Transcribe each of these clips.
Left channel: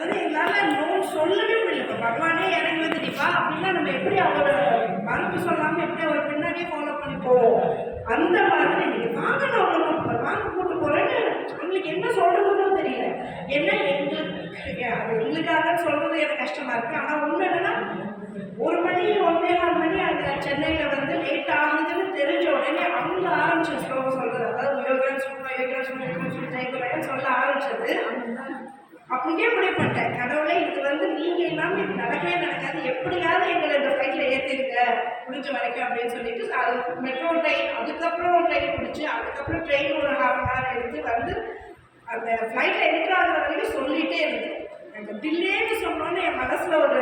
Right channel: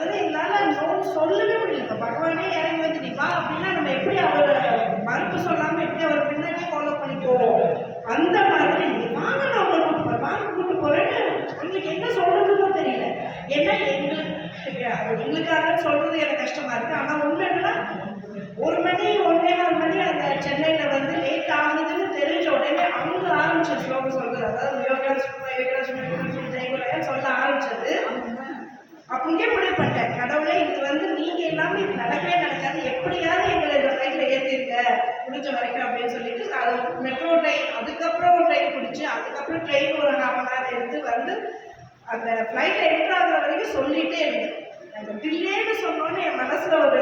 அது எங்களால் நோ சொல்லவே முடியல. இப்போ பகவானே இறங்கி வந்து நிப்பா அப்படின்னா நம்ம எப்படி அவர் மறுப்பு சொல்லாமல் எப்படி அவர் பின்னாடியே ஃபாலோ பண்ணி போவோம்? அந்த மாதிரி வாங்க நான் உங்களை கூட்டு போகிறேன் வாங்க கூட்டு போகிறேன்னு அவங்களுக்கு என்ன சொல்கிறதுன்னு தெரியல. ஏன்னா எங்களுக்கு எங்களுக்காக சொல்கிறது எனக்கு கஷ்டமாக இருக்குது ஆனால் ஒன்று என்னன்னா ஒரு மணி ஒன்றே நாலு மணி அந்த சென்னையில் வந்து லேட் ஆகுதுன்னு தெரிஞ்ச உடனே அவங்க ஆரம்பிச்ச ஸ்லோகம் சொல்கிறது அப்படியே முடிவு பண்ணிட்டேன். கடவுளே இது வந்து நீங்கள் எல்லாமே இது நடக்கவே நடக்காது. எப்படியாவது எங்களை இந்த ஃப்ளைட்டில் ஏற்றிருங்க முடிஞ்ச வரைக்கும் அப்படின்னு சொல்லிட்டு அது மெட்ரோ ட்ரெயின் அதுக்கப்புறம் ட்ரெயின் பிடிச்சி அதுக்கப்புறம் ட்ரெயின் ஒரு ஹாஃப் அன் ஹவர் எடுத்து வந்து அந்த ஃப்ளைட்டில் என்ட்ரு ஆகிற வரைக்கும் சொல்லிகிட்டே இருந்தேன். அந்த டில்லேன்னு சொன்னோன்னு என் மனசில் ஒரு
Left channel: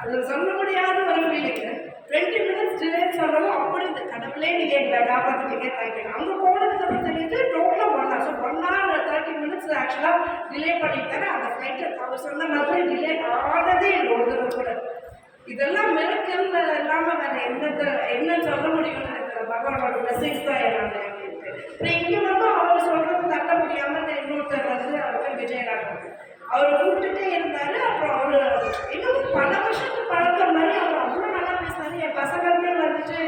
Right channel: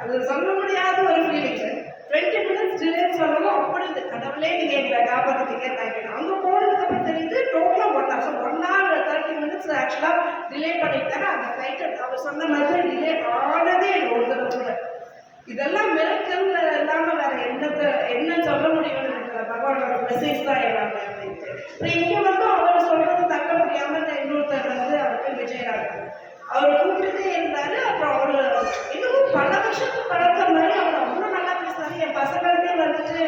அது சொல்ல முடியாத ஒரு ஃபீலிங் டுவெண்ட்டி மினிட்ஸ் டிலேன்னு சொல்லவும் அப்படி இந்த கடவுளே நீங்கள் எங்களை காப்பாற்றிட்டீங்க தேங்க்யூ அங்கே போனதுக்கப்புறம் தெரியுது டோட்டலாக one hour so one hour thirty minutes ஆக்சுவலாக டிலே பண்ணிட்டாரு அந்த ஃப்ளைட்டை அவர் சொன்ன மாதிரி டிலே ஆனதே ஒன்று கூட. இதெல்லாம் மிரக்கல் இல்லாமல் வேற என்னத்தை என்ன சொல்ல முடியும்னு எனக்கு பகவானோட மெசேஜ் தான் எல்லாமே அப்படின்ட்டு. அப்புறம் இங்கே வந்து அவர் சொல்றது தக்க முடியாமல் இன்னொருத்தர் வந்து அவருக்கு விஜயராகவன் அவர் கூப்பிட்டுட்டே இருந்தாரு அப்புறம் அவர் இன்னமும் பல வருஷத்துக்கு பழக்க மாதிரி அவர் அவ்வளோ நல்லா பேசினாரு. என் பசங்களுமே வந்துட்டு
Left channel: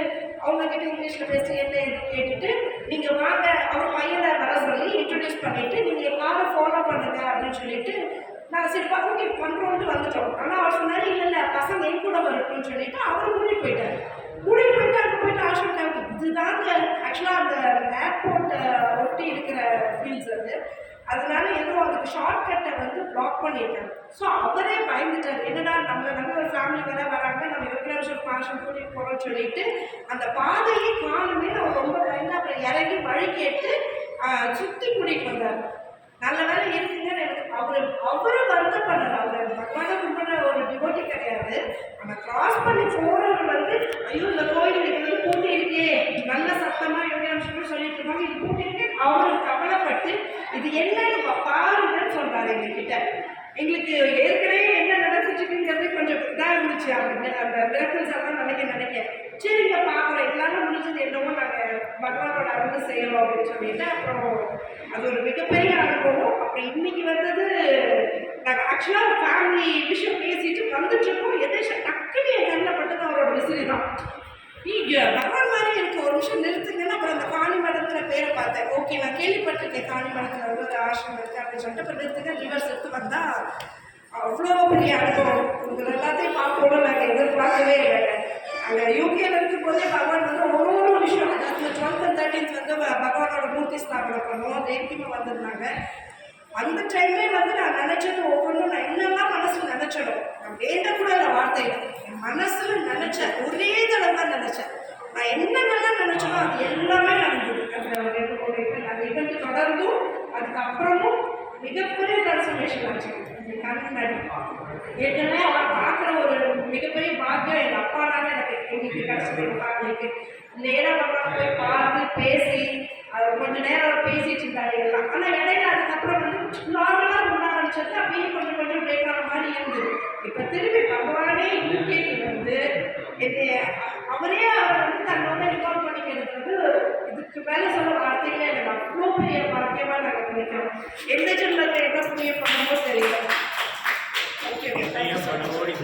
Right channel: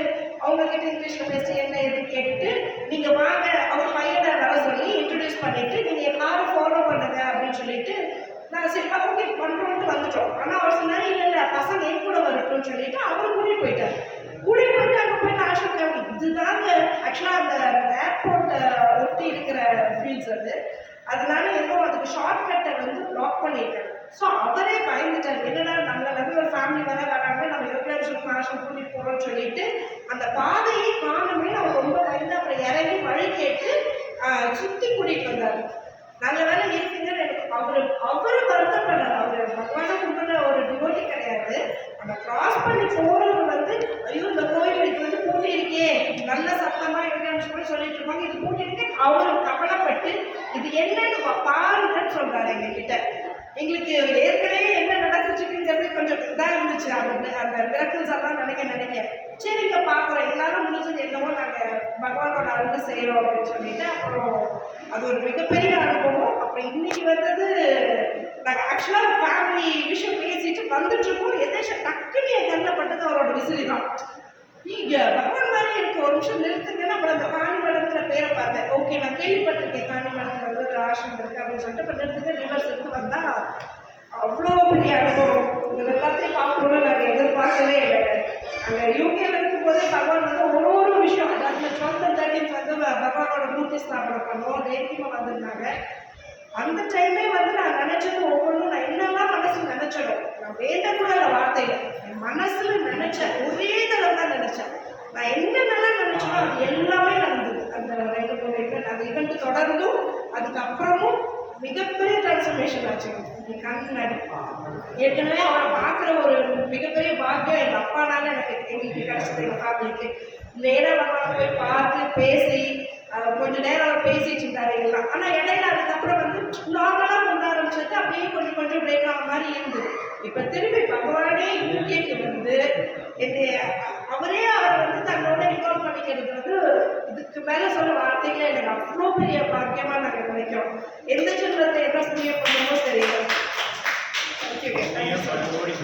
அவங்க கிட்ட இங்கிலீஷ்ல பேசி என்ன இது கேட்டுட்டு நீங்க வாங்க அவர் பையனை வர சொல்லி இன்ட்ரடியூஸ் பண்ணிட்டு நீங்க காரை ஃபாலோ பண்ணுங்க அப்படின்னு சொல்லிட்டு நான் சரி ஓகே பண்ணுறோம்னு வந்துட்டோம். ஆனால் அவர் சொன்னார் இல்லை இல்லை பசங்க என் கூட வரட்டும்னு சொல்லிட்டு அவரும் கூட்டிகிட்டு போயிட்டார். கூட்டிகிட்டு போயிட்டு அங்கே போயிட்டு ஆஷா கேம்ப் இதுதாங்க ஆக்சுவலாக அந்த ஏர்போர்ட்டை ஒட்டி இருக்கிற ஃபீல்ட்ஸ் அது. அதனால ஏதோ அதுக்கு ஷார்ட்கட்டை வந்து பிளாக் பண்ணியிருக்காங்க ஸோ அவரே பயந்துட்டார். என்னடா நம்மளை நம்பி ஒரு ஃபேமிலி வர வராங்க. நம்ம யோகேஷன் ஃபேஷன் கூட்டிகிட்டு போகிறோம்னு சொல்லிட்டு அந்த பாதையை காணுமே அவர் ரொம்ப பயந்து அப்புறம் இறங்கி வழி கேட்டு சுற்றி கூட்டிகிட்டு வந்தார். நல்ல வேலை இருக்குங்கன்னு எனக்கு அவர் அவரு வருத்தப்படார் அவர் பகவானை கும்பிட்ற ஒரு டிவோட்டி கிடையாது. அந்த கிராஸ் பண்ணி போறவர் வந்து ஐயோ இந்த கோயில் இது வந்து பூட்டி இருக்கே நல்ல சத்தமா யோகாம்சம் சொல்லிட்டு இருப்பாங்க. இது பூட்டி இருக்கேன் அவரு கவலைப்பட்டு இது என்னன்னு பாருங்கன்னு சொல்றாரு எங்ககிட்ட. எங்களுக்கு ஏற்கனவே என்ன நடந்துச்சு கொஞ்சம் இதாக இருந்துச்சு அந்த அந்த மிரக்கல்ஸ் எல்லாம் நினைக்க நினைக்க. சரிங்க பார்க்குறோம் எல்லாரும் முடிஞ்சது என்னவோ நாங்கள் பகவானோட அருள் செய்கிறோம் அப்படின்னு சொல்லிட்டு அப்புறம் அது ஒரு மிகப்பெரிய அனுபவம். அப்புறம் இன்னைக்கு வந்தது நாங்கள் ஆக்சுவலாக ஃபேமிலி விஷயம் பேசிட்டு வந்துட்டுருக்கோம் எதேஷம் டக்குன்னு என் கண்ணில் பட்டது அவரோட விசிறி தான். நீங்க பகவான் மாதிரி எனக்கு ஒரு நிமிஷம் நிறுத்துங்கன்னா அப்புறம் அந்த காணிமடங்கிற பேரை பார்த்தேன். ஓகே நான் கேள்விப்பட்டிருக்கேன் காணிமடத்தில் வந்து ஒரு ஆசிரம் இருக்குது அப்படின்னு சொல்லிட்டு. இப்போ நிறுத்துங்க ரிவர்ஸ் எடுத்து வந்தால் அவ்வளோ பெரிய அனுபவம். உங்களை எல்லாத்தையும் பார்க்கணும்னு நாங்கள் எதிர்பார்க்கவே இல்லை அங்கே யூகேல இருக்கும் போதே பகவான் வந்து ஒரு ஒரு விஷயம் அதாவது டுவெல்த் அண்ட் தேர்ட்டீன்த் வந்து பகவானோட மூர்த்தி ஸ்தாபனம் பண்ணுவோம் தேவியமாக வந்திருந்தாங்க. அந்த டைமே வந்து நான் நினச்சது ஒவ்வொன்றும் நான் என்னெல்லாம் மனசில் நினச்சனோ நான் வேண்டக்கூட இல்லை வார்த்தையில் என் மனசில் நினச்சேன் ஒரே தடவை தான் நினச்சேன். நான் என்னென்னலாம் நினச்சனோ அது எல்லாமே நடந்தது. அந்த ரெண்டு மூணு அது அந்த ஈவெண்ட் தொடர்ந்தும் அதுக்கப்புறமும் மிகப்பெரிய டிரான்ஸ்ஃபர்மேஷன் ஆச்சு. என் கண் முன்னாடி. ஏற்கனவே அவரை பார்க்குற ஒரு மிகப்பெரிய பாக்கியம் எங்கள் அப்பானால எனக்கு எங்களுக்கு கிடைச்சது எங்கள் ஃபேமிலிக்கு நேராக பகவான் போய் பார்த்து பேசி கொஞ்ச நேரம் அவர் பேசிட்டு இருந்தாரு எல்லாம். ஆனால் இடையில அதுக்கப்புறம் வந்து நார்மலாக கொண்டு ஆரம்பிச்சது அப்படியே கொஞ்சம் கொஞ்சம் பிரேக் ஆன மாதிரி இருந்தது. இப்போ திரும்பி பகவானே யூகேக்கு வந்து அவரே அவர் வந்து தன்னோட ரிகார்ட் பண்ணிக்கிறது வந்து இதுக்கு மேலே சொல்ல வார்த்தைகளை எனக்கு அவ்வளோ பெரிய பாக்கியமாக நாங்கள் நினைக்கிறோம் எந்த ஜென்மத்தில் என்ன புண்ணியம் பண்ணுமோ தெரியல தேங்க்யூ ஐயா ஓடி